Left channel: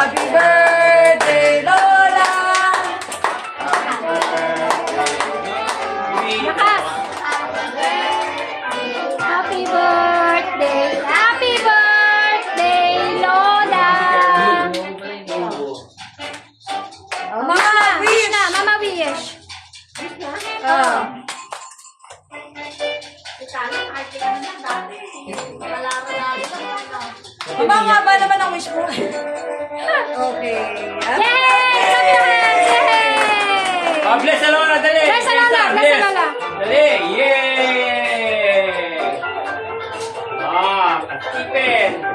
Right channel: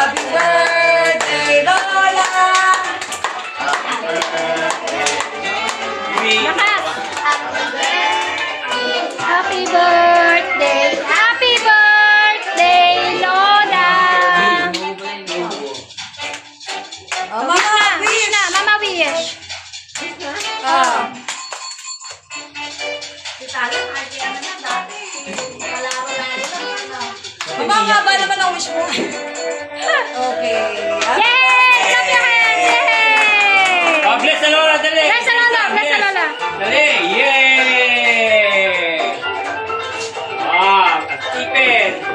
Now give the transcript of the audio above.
Happy birthday, Lola! Lakas! Happy birthday! Happy birthday, Lola! Oh, Mama, Wish na, Mama wish. Oh. Mama, nga ba naman ang wish mo? Okay. Yay! Clap your hands! Yay! Oh, bless the Lola, dali! Bless the Lola! Bless the Lola! Dali! Yay! Ah, Stephen!